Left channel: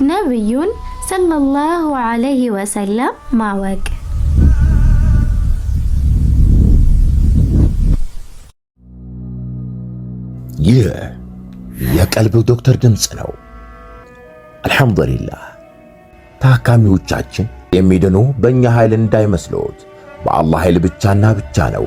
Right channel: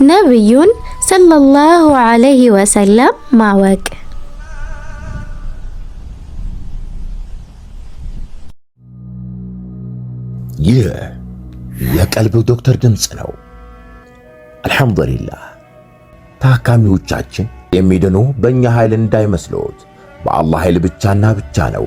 ነብዩን ሰለላሁ ዐለይሂ ወሰለም ማወቅ። ይህ የቀልብ ዶክተር ድምፅ ነው። አልሐምዱሊላህ። ታካሚዎቻችን የሚድኑ በእኛ ኃይል እንዳይመስሎት፣ በአላህ ኃይል ብቻና ብቻ ነው።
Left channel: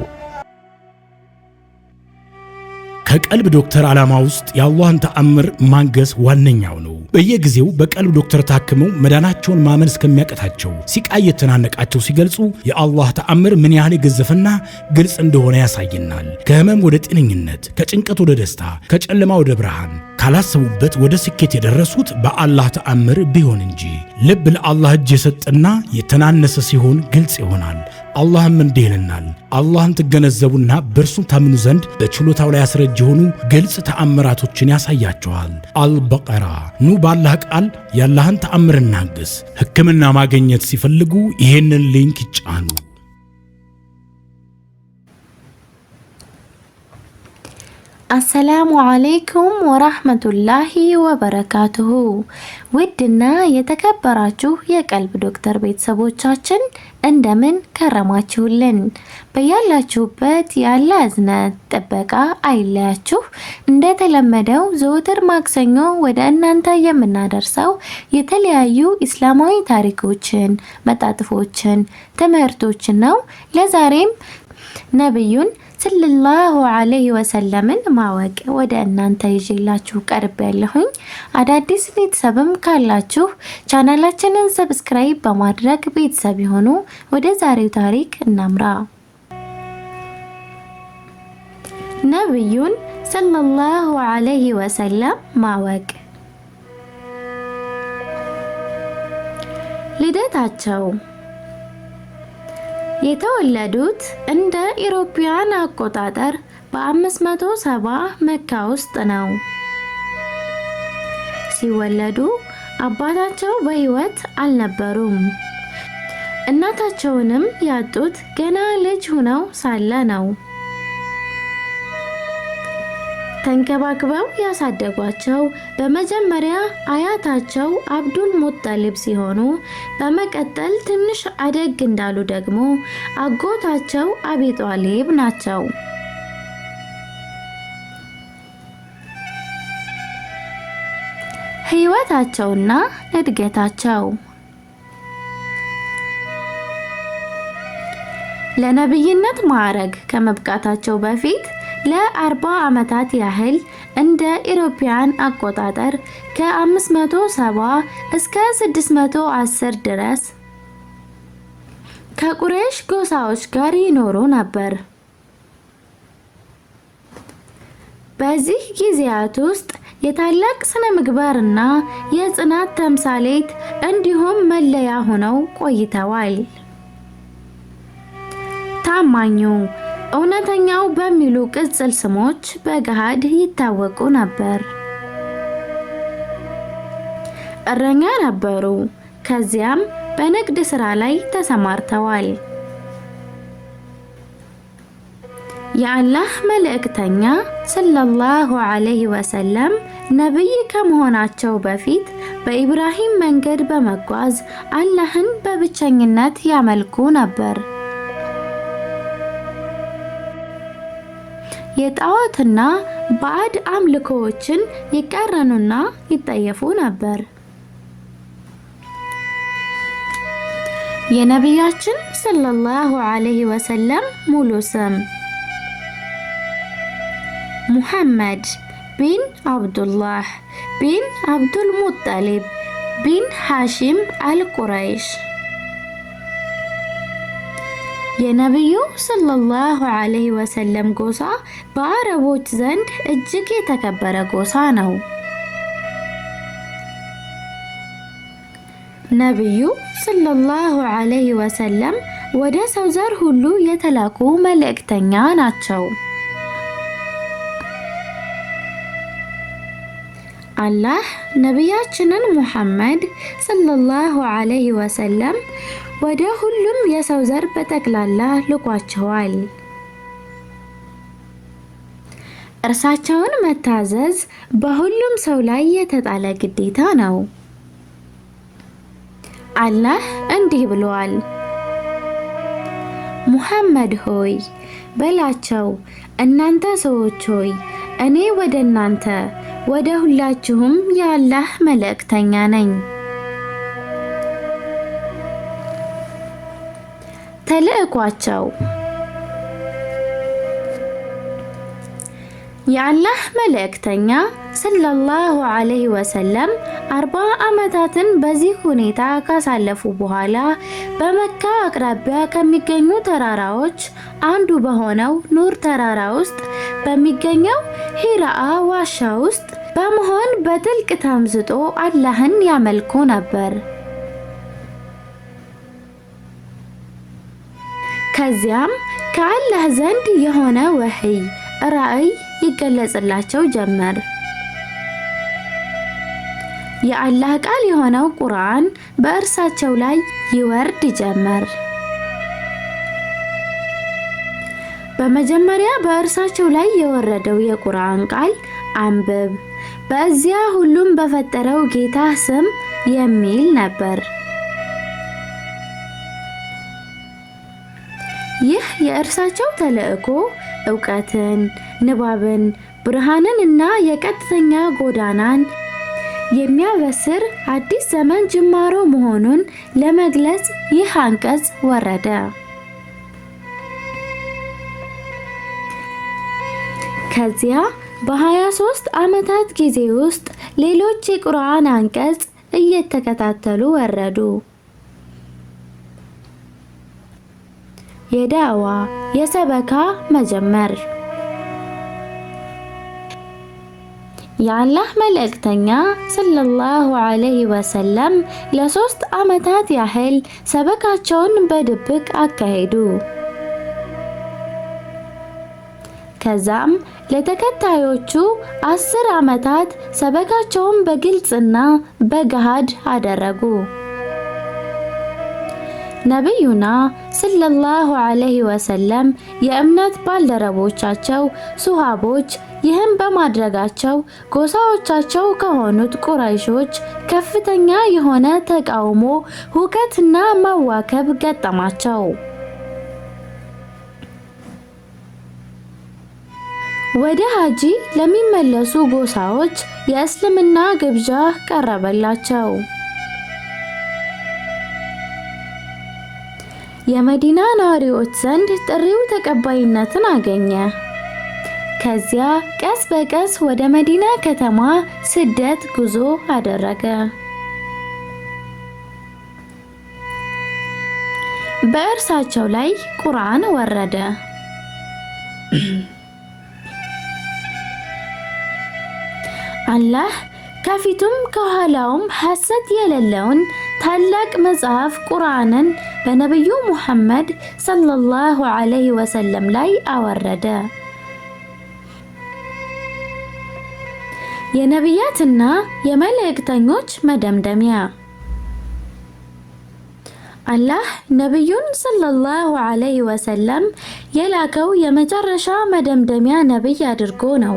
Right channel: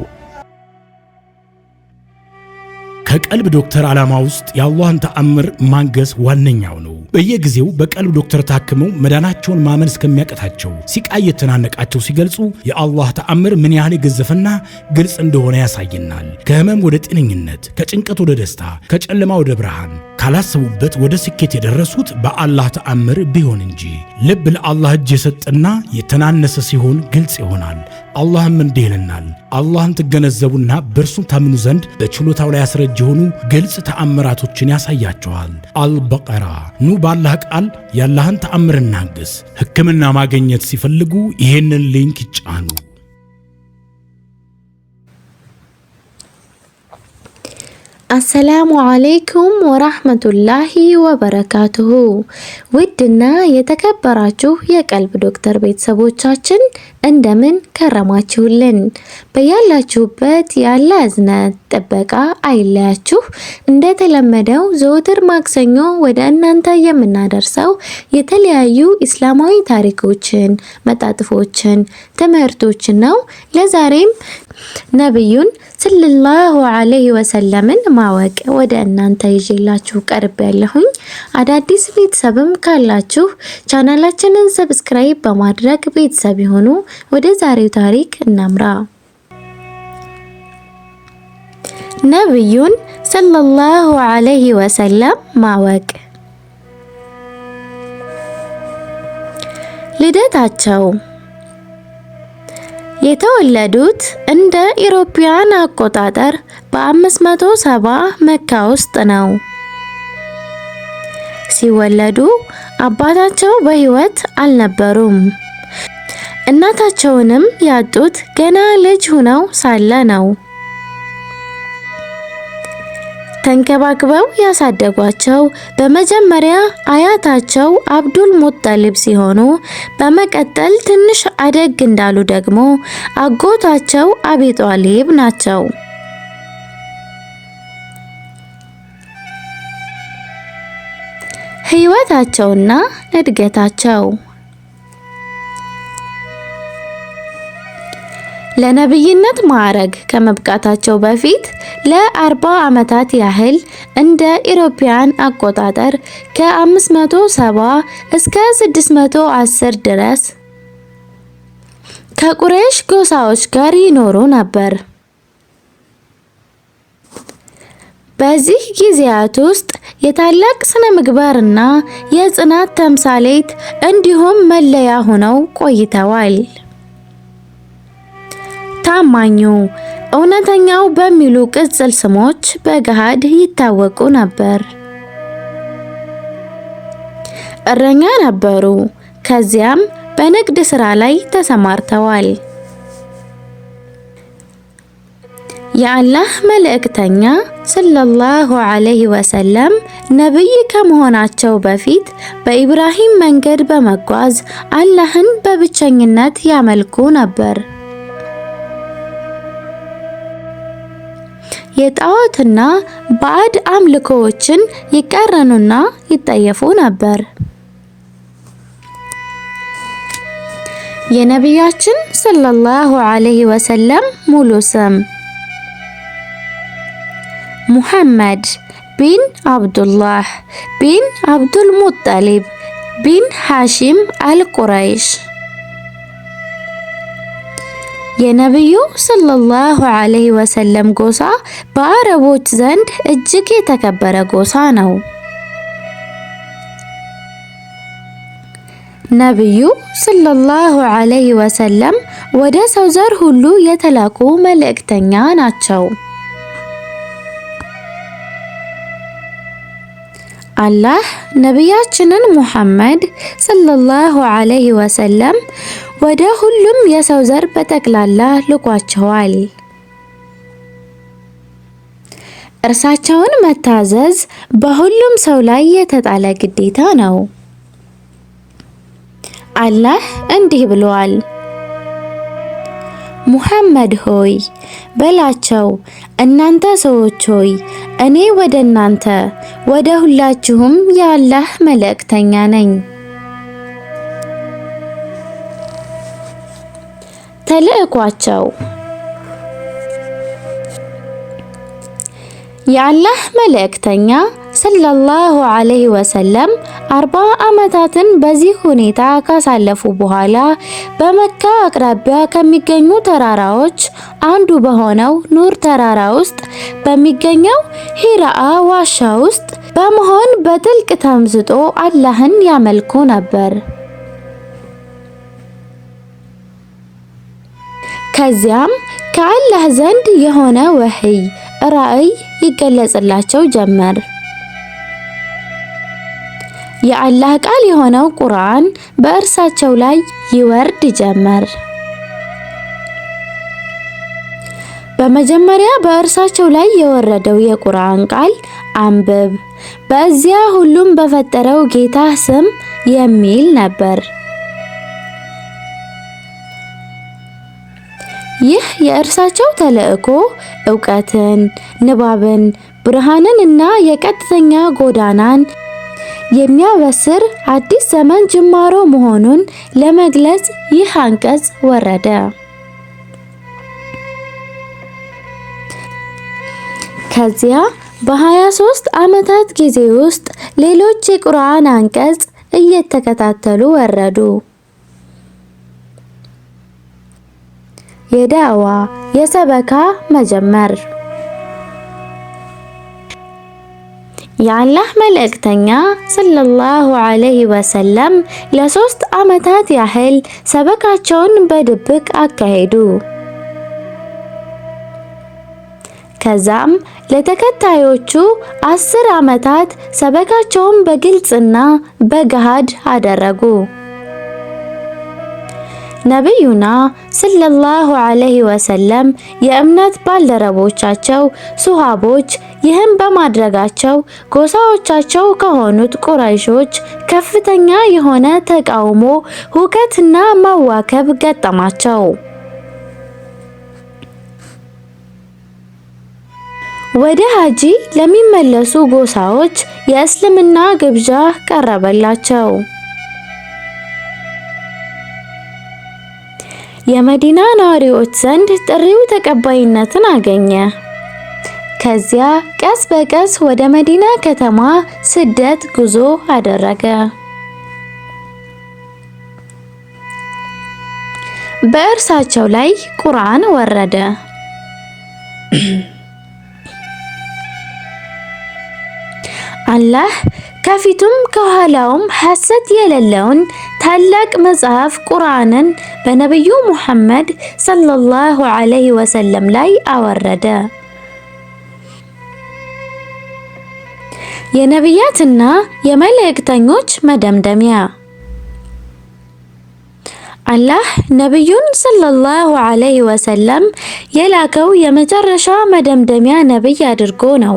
ከቀልብ ዶክተር ዓላማ ውስጥ የአላህን ተአምር ማንገስ ዋነኛው ነው። በየጊዜው በቀልብ ዶክተር ታክመው መዳናቸውን ማመን እስከሚያቀታቸው ሲቃይ የተናነቃቸው ሲገልጹ የአላህ ተአምር ምን ያህል የገዘፈና ግልጽ እንደሆነ ያሳየናል። ከህመም ወደ ጤነኝነት፣ ከጭንቀት ወደ ደስታ፣ ከጨለማ ወደ ብርሃን፣ ካላሰቡበት ወደ ስኬት የደረሱት በአላህ ተአምር ቢሆን እንጂ። ልብ ለአላህ እጅ የሰጠና የተናነሰ ሲሆን ግልጽ ይሆናል። አላህም እንዲህ ይለናል፣ አላህን ትገነዘቡና በእርሱም ታምኑ ዘንድ በችሎታው ላይ ያስረጅ የሆኑ ግልጽ ተአምራቶችን ያሳያቸዋል። አልበቀራ። ኑ ባላህ ቃል ያላህን ተአምር እናግስ። ሕክምና ማግኘት ሲፈልጉ ይሄንን ሊንክ ይጫኑ። አሰላሙ አለይኩም ወራህመቱላሂ ወበረካቱሁ። ውድና የተከበራችሁ የቀልብ ዶክተር ቤተሰቦቻችን እንደምን ከረማችሁልን? በያላችሁበት ያለ እዝነት ጥበቃ አይለያችሁ። እንደተለመደው ዘወትር ማክሰኞ ወደ እናንተ የምናደርሰው የተለያዩ እስላማዊ ታሪኮችን፣ መጣጥፎችን፣ ትምህርቶችን ነው። ለዛሬም ነብዩን ሰለላሁ ዐለይሂ ወሰለምን ማወቅ ወደ እናንተ ይዤላችሁ ቀርብ ያለሁኝ። አዳዲስ ቤተሰብም ካላችሁ ቻናላችንን ሰብስክራይብ በማድረግ ቤተሰብ ይሁኑ። ወደ ዛሬው ታሪክ እናምራ። ነብዩን ሰለላሁ ዐለይሂ ወሰለም ማወቅ። ልደታቸው የተወለዱት እንደ ኢሮፒያን አቆጣጠር በ570 መካ ውስጥ ነው። ሲወለዱ አባታቸው በሕይወት አልነበሩም። እናታቸውንም ያጡት ገና ልጅ ሆነው ሳለ ነው። ተንከባክበው ያሳደጓቸው በመጀመሪያ አያታቸው አብዱል ሙጠሊብ ሲሆኑ በመቀጠል ትንሽ አደግ እንዳሉ ደግሞ አጎታቸው አቢ ጧሊብ ናቸው። ሕይወታቸውና እድገታቸው ለነብይነት ማዕረግ ከመብቃታቸው በፊት ለ40 ዓመታት ያህል እንደ ኢሮፒያን አቆጣጠር ከ570 እስከ 610 ድረስ ከቁረይሽ ጎሳዎች ጋር ይኖሩ ነበር። በዚህ ጊዜያት ውስጥ የታላቅ ስነ ምግባርና የጽናት ተምሳሌት እንዲሁም መለያ ሆነው ቆይተዋል። ታማኙ፣ እውነተኛው በሚሉ ቅጽል ስሞች በገሃድ ይታወቁ ነበር። እረኛ ነበሩ። ከዚያም በንግድ ሥራ ላይ ተሰማርተዋል። የአላህ መልእክተኛ ሰለላሁ ዐለይሂ ወሰለም ነብይ ከመሆናቸው በፊት በኢብራሂም መንገድ በመጓዝ አላህን በብቸኝነት ያመልኩ ነበር። የጣዖትና ባዕድ አምልኮዎችን ይቃረኑና ይጠየፉ ነበር። የነቢያችን ሰለላሁ ዐለይሂ ወሰለም ሙሉ ስም ሙሐመድ ቢን አብዱላህ ቢን አብዱል ሙጠሊብ ቢን ሐሺም አልቁረይሽ። የነብዩ ሰለላሁ ዐለይሂ ወሰለም ጎሳ በአረቦች ዘንድ እጅግ የተከበረ ጎሳ ነው። ነብዩ ሰለላሁ ዐለይሂ ወሰለም ወደ ሰው ዘር ሁሉ የተላኩ መልእክተኛ ናቸው። አላህ ነቢያችንን ሙሐመድ ሰለላሁ ዐለይሂ ወሰለም ወደ ሁሉም የሰው ዘር በጠቅላላ ልኳቸዋል። እርሳቸውን መታዘዝ በሁሉም ሰው ላይ የተጣለ ግዴታ ነው። አላህ እንዲህ ብሏል፣ ሙሐመድ ሆይ በላቸው እናንተ ሰዎች ሆይ እኔ ወደ እናንተ ወደ ሁላችሁም የአላህ መልእክተኛ ነኝ። ተልእኳቸው የአላህ መልእክተኛ ሰለላሁ ዐለይሂ ወሰለም 40 ዓመታትን በዚህ ሁኔታ ካሳለፉ በኋላ በመካ አቅራቢያ ከሚገኙ ተራራዎች አንዱ በሆነው ኑር ተራራ ውስጥ በሚገኘው ሂራአ ዋሻ ውስጥ በመሆን በጥልቅ ተምዝጦ አላህን ያመልኩ ነበር። ከዚያም ከአላህ ዘንድ የሆነ ወህይ ራእይ ይገለጽላቸው ጀመር። የአላህ ቃል የሆነው ቁርአን በእርሳቸው ላይ ይወርድ ጀመር። በመጀመሪያ በእርሳቸው ላይ የወረደው የቁርአን ቃል አንብብ፣ በዚያ ሁሉም በፈጠረው ጌታ ስም የሚል ነበር። ይህ የእርሳቸው ተልእኮ ዕውቀትን፣ ንባብን፣ ብርሃንን እና የቀጥተኛ ጎዳናን የሚያበስር አዲስ ዘመን ጅማሮ መሆኑን ለመግለጽ ይህ አንቀጽ ወረደ። ከዚያ በ23 ዓመታት ጊዜ ውስጥ ሌሎች የቁርአን አንቀጽ እየተከታተሉ ወረዱ። የዳዋ የሰበካ መጀመር የአላህ መልእክተኛ ሰለላሁ ዐለይሂ ወሰለም ለ3 ዓመታት ያህል ሰበካቸውን በድብቅ አካሄዱ። ከዛም ለተከታዮቹ 10 ዓመታት ሰበካቸውን በግልጽና በገሃድ አደረጉ። ነብዩና ሰለላሁ ዐለይሂ ወሰለም የእምነት ባልደረቦቻቸው ሱሐቦች ይህን በማድረጋቸው ጎሳዎቻቸው ከሆኑት ቁረይሾች ከፍተኛ የሆነ ተቃውሞ፣ ሁከትና መዋከብ ገጠማቸው። ወደ ሀጂ ለሚመለሱ ጎሳዎች የእስልምና ግብዣ ቀረበላቸው። የመዲና ነዋሪዎች ዘንድ ጥሪው ተቀባይነትን አገኘ። ከዚያ ቀስ በቀስ ወደ መዲና ከተማ ስደት ጉዞ አደረገ። በእርሳቸው ላይ ቁርአን ወረደ። አላህ ከፊቱም ከኋላውም ሐሰት የሌለውን ታላቅ መጽሐፍ ቁርአንን በነብዩ ሙሐመድ ሰለላሁ ዐለይሂ ወሰለም ላይ አወረደ። የነቢያትና የመላእክተኞች መደምደሚያ አላህ ነብዩን ሰለላሁ ዐለይሂ ወሰለም የላከው የመጨረሻ መደምደሚያ ነብይ አድርጎ ነው።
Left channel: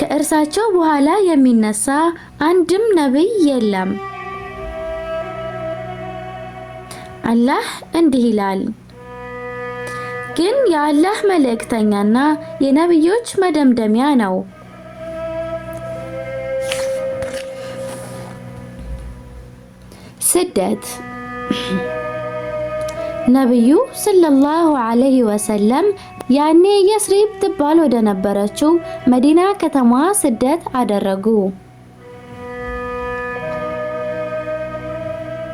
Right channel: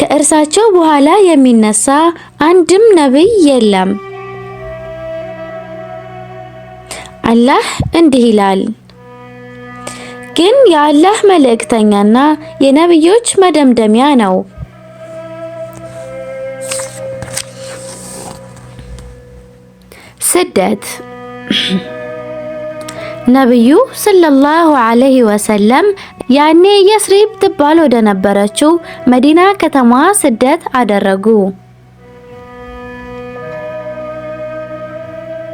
ከእርሳቸው በኋላ የሚነሳ አንድም ነብይ የለም። አላህ እንዲህ ይላል፣ ግን የአላህ መልእክተኛና የነብዮች መደምደሚያ ነው። ስደት ነብዩ ሰለላሁ ዐለይሂ ወሰለም ያኔ የስሪብ ትባል ወደ ነበረችው መዲና ከተማ ስደት አደረጉ።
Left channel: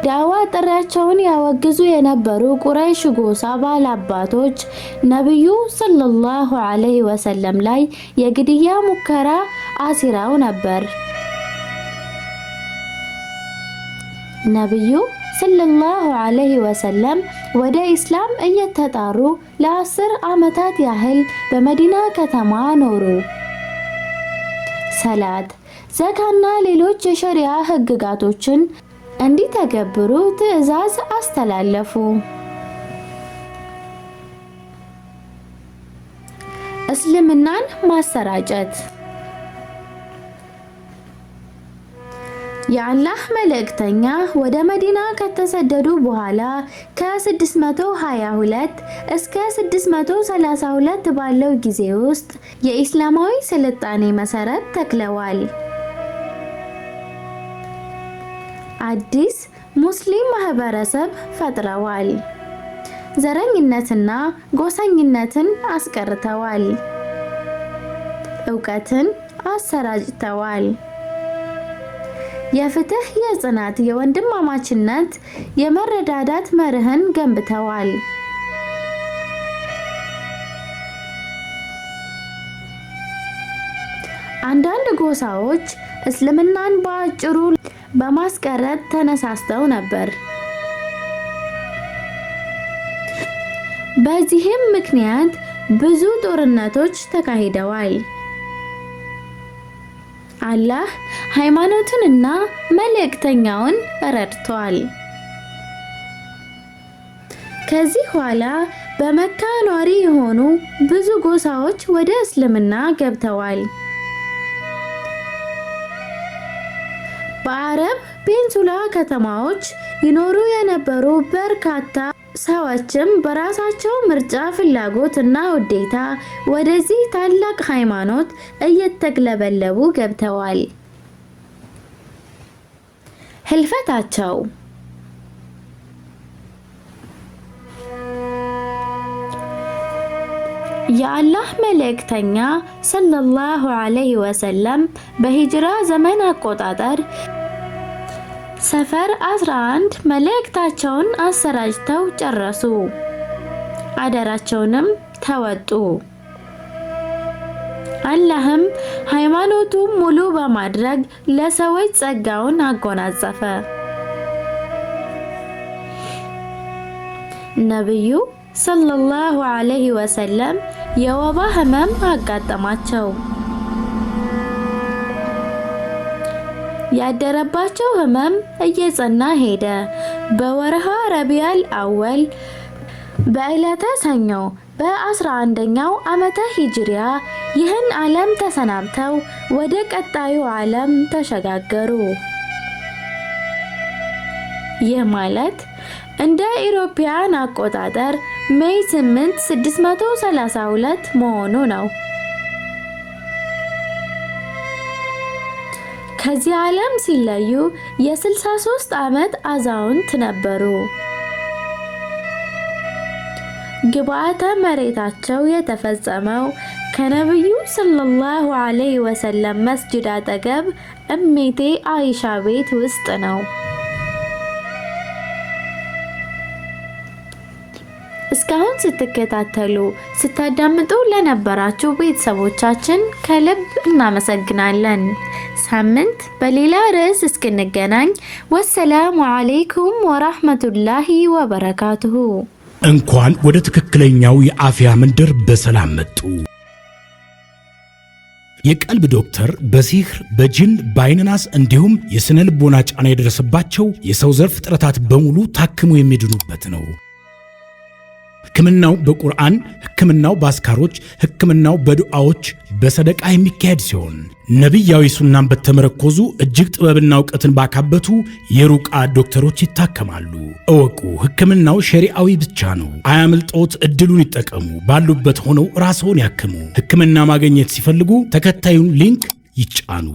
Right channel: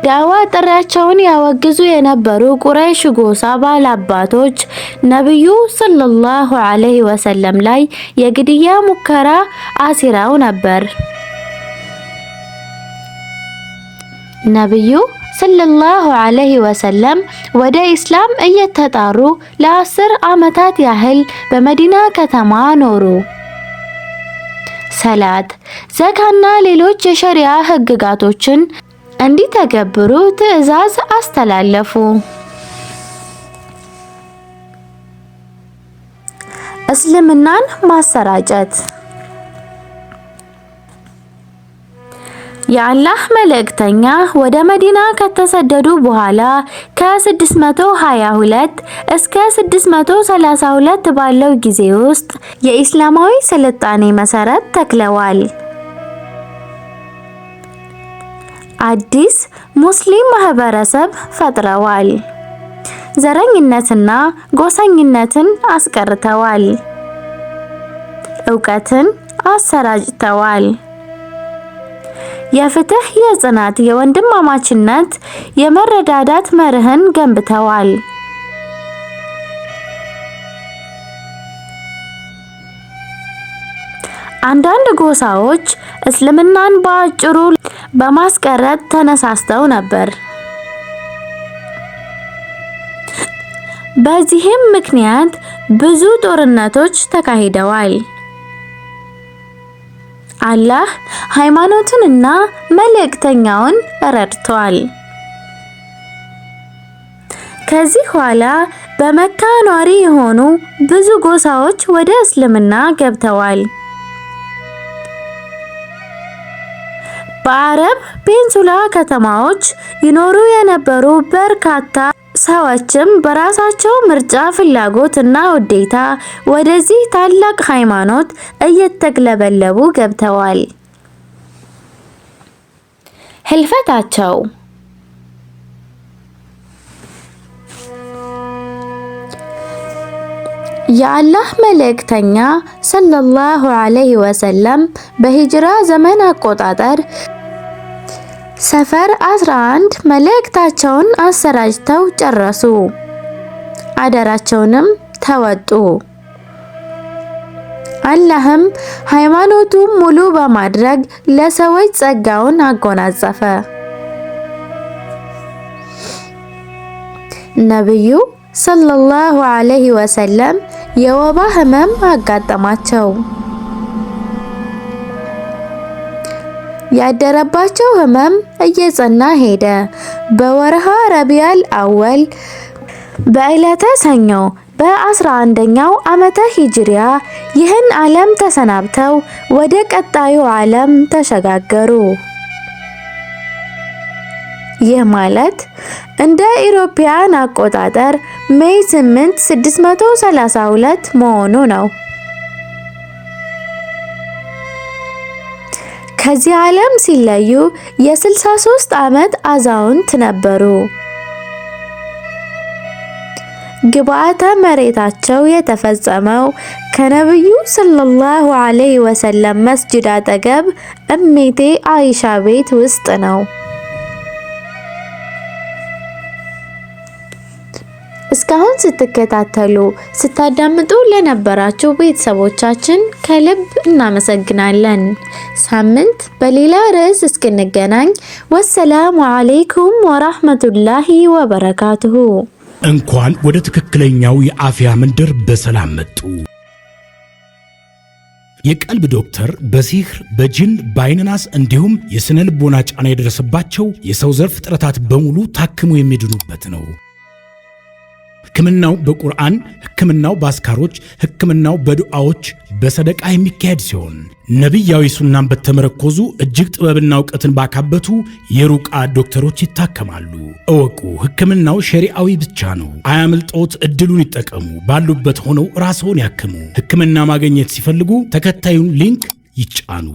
ዳዋ ጥሪያቸውን ያወግዙ የነበሩ ቁረይሽ ጎሳ ባላባቶች ነብዩ ሰለላሁ ዐለይሂ ወሰለም ላይ የግድያ ሙከራ አሲረው ነበር። ነብዩ ሰለላሁ ዐለይሂ ወሰለም ወደ ኢስላም እየተጣሩ ለ10 ዓመታት ያህል በመዲና ከተማ ኖሩ። ሰላት፣ ዘካና ሌሎች የሸሪዓ ህግጋቶችን እንዲተገብሩ ትዕዛዝ አስተላለፉ። እስልምናን ማሰራጨት የአላህ መልእክተኛ ወደ መዲና ከተሰደዱ በኋላ ከ622 እስከ 632 ባለው ጊዜ ውስጥ የኢስላማዊ ስልጣኔ መሰረት ተክለዋል። አዲስ ሙስሊም ማህበረሰብ ፈጥረዋል። ዘረኝነትና ጎሰኝነትን አስቀርተዋል። ዕውቀትን አሰራጭተዋል። የፍትህ፣ የጽናት፣ የወንድማማችነት፣ የመረዳዳት መርህን ገንብተዋል። አንዳንድ ጎሳዎች እስልምናን በአጭሩ በማስቀረት ተነሳስተው ነበር። በዚህም ምክንያት ብዙ ጦርነቶች ተካሂደዋል። አላህ ሃይማኖቱንና መልእክተኛውን ረድቷል። ከዚህ ኋላ በመካ ኗሪ የሆኑ ብዙ ጎሳዎች ወደ እስልምና ገብተዋል። በአረብ ፔንሱላ ከተማዎች ይኖሩ የነበሩ በርካታ ሰዎችም በራሳቸው ምርጫ፣ ፍላጎት እና ውዴታ ወደዚህ ታላቅ ሃይማኖት እየተግለበለቡ ገብተዋል። ህልፈታቸው የአላህ መልእክተኛ ሰለላሁ ዐለይሂ ወሰለም በሂጅራ ዘመን አቆጣጠር ሰፈር 11 መልእክታቸውን አሰራጭተው ጨረሱ። አደራቸውንም ተወጡ። አላህም ሃይማኖቱን ሙሉ በማድረግ ለሰዎች ጸጋውን አጎናጸፈ። ነብዩ ሰለላሁ ዐለይሂ ወሰለም የወባ ህመም አጋጠማቸው። ያደረባቸው ህመም እየጸና ሄደ። በወርሃ ረቢዑል አወል በዕለተ ሰኞ በ11ኛው ዓመተ ሂጅሪያ ይህን ዓለም ተሰናብተው ወደ ቀጣዩ ዓለም ተሸጋገሩ። ይህ ማለት እንደ ኢሮፒያን አቆጣጠር ሜይ 8 632 መሆኑ ነው። ከዚህ ዓለም ሲለዩ የ63 ዓመት አዛውንት ነበሩ። ግብዓተ መሬታቸው የተፈጸመው ከነብዩ ሰለላሁ ዐለይሂ ወሰለም መስጂድ አጠገብ እሜቴ አይሻ ቤት ውስጥ ነው። እስካሁን ስትከታተሉ ስታዳምጡ ለነበራችሁ ቤተሰቦቻችን ከልብ እናመሰግናለን። ሳምንት በሌላ ርዕስ እስክንገናኝ ወሰላሙ አለይኩም ወራህመቱላሂ ወበረካቱሁ። እንኳን ወደ ትክክለኛው የአፍያ መንደር በሰላም መጡ። የቀልብ ዶክተር በሲህር፣ በጅን፣ በአይንናስ እንዲሁም የስነ ልቦና ጫና የደረሰባቸው የሰው ዘር ፍጥረታት በሙሉ ታክሞ የሚድኑበት ነው። ሕክምናው በቁርአን፣ ሕክምናው በአስካሮች፣ ሕክምናው በዱዓዎች፣ በሰደቃ የሚካሄድ ሲሆን ነቢያዊ ሱናን በተመረኮዙ እጅግ ጥበብና እውቀትን ባካበቱ የሩቃ ዶክተሮች ይታከማሉ። እወቁ፣ ሕክምናው ሸሪዓዊ ብቻ ነው። አያምልጦት፣ እድሉን ይጠቀሙ። ባሉበት ሆነው ራስዎን ያክሙ። ሕክምና ማግኘት ሲፈልጉ ተከታዩን ሊንክ ይጫኑ።